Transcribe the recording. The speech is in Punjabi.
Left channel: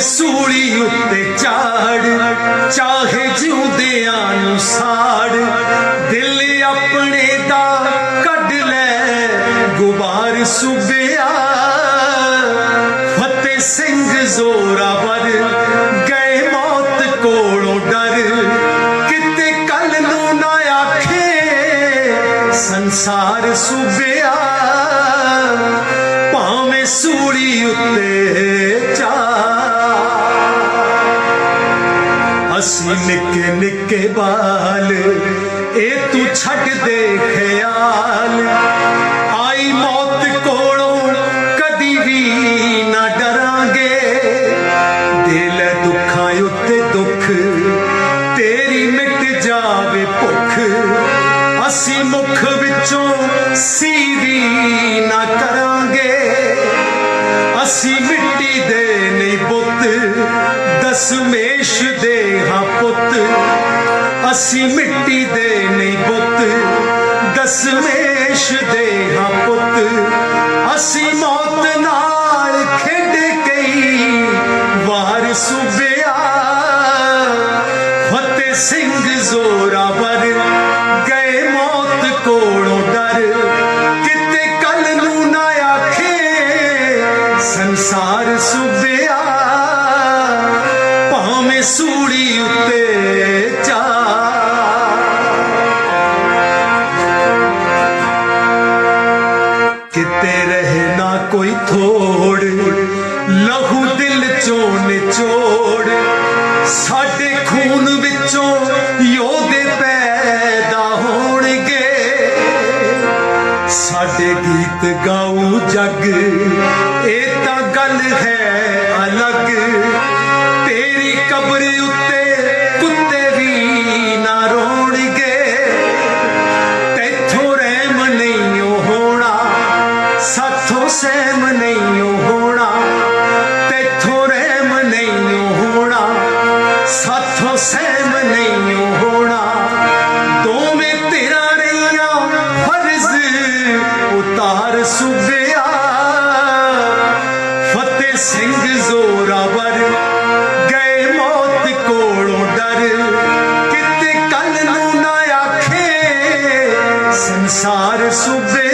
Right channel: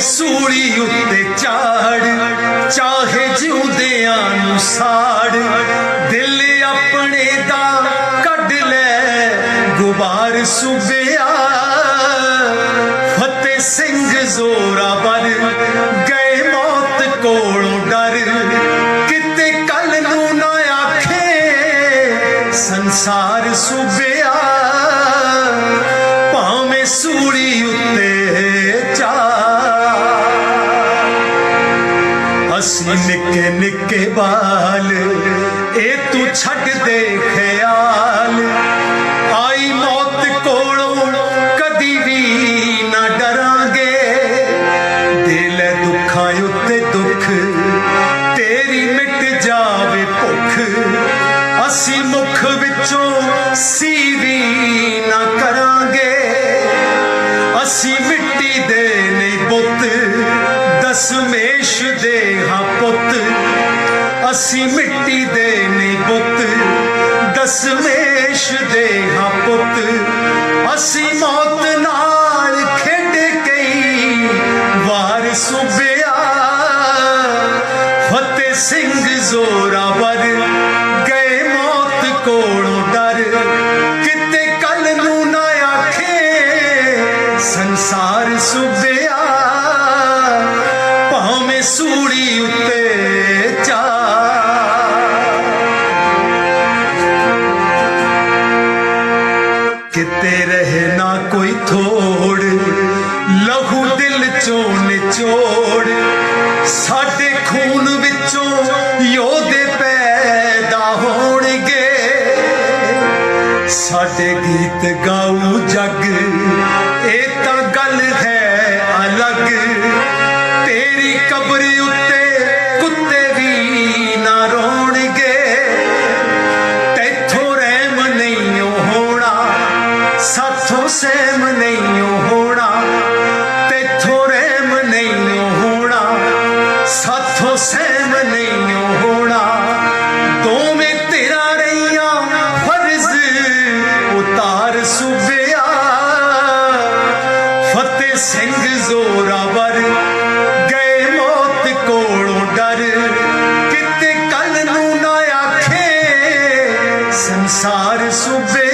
ਸੂਲੀ ਉੱਤੇ ਝਾੜ ਚਾਹੇ ਜਿਉਂਦਿਆਂ ਨੂੰ ਸਾੜ, ਦਿਲ ਆਪਣੇ ਦਾ ਕੱਢ ਲੈ, ਗੁਬਾਰ ਸੁਬਿਆ। ਫਤਿਹ ਸਿੰਘ ਜ਼ੋਰਾਵਰ ਨਿੱਕੇ ਨਿੱਕੇ ਬਾਲ ਇਹ ਤੂੰ ਛੱਡ ਦੇ ਖਿਆਲ। ਆਈ ਮੌਤ ਕੋਲੋਂ ਕਦੀ ਵੀ ਨਾ ਡਰਾਂਗੇ। ਦਿਲ ਦੁੱਖਾਂ ਉੱਤੇ ਦੁੱਖ, ਤੇਰੀ ਮਿਟ ਜਾਵੇ ਭੁੱਖ। ਅਸੀਂ ਮੁਖ ਵਿੱਚੋਂ ਸੀਵੀ ਅਸੀਂ ਮਿੱਟੀ ਦੇ ਨਹੀਂ ਪੁੱਤ। ਸਾਡੇ ਗਾਉ ਜੱਗ, ਇਹ ਤਾਂ ਗੱਲ ਹੈ ਅਲੱਗ। ਤੇਰੀ ਕਬਰ ਉੱਤੇ ਕੁੱਤੇ ਵੀ ਨਾ ਰੋਣਗੇ। ਤੈਥੋਂ ਰਹਿਮ ਨਹੀਂ ਹੋਣਾ, ਸਾਥੋਂ ਸਹਿਮ ਨਹੀਂ ਸਿੰਘ ਜ਼ੋਰਾਵਰ ਗਏ ਮੌਤ ਕੋਲੋਂ ਡਰ। ਕਿਤੇ ਕੱਲ ਨੂੰ ਨਾ ਆਖੇ ਸੰਸਾਰ ਸੁਬੇ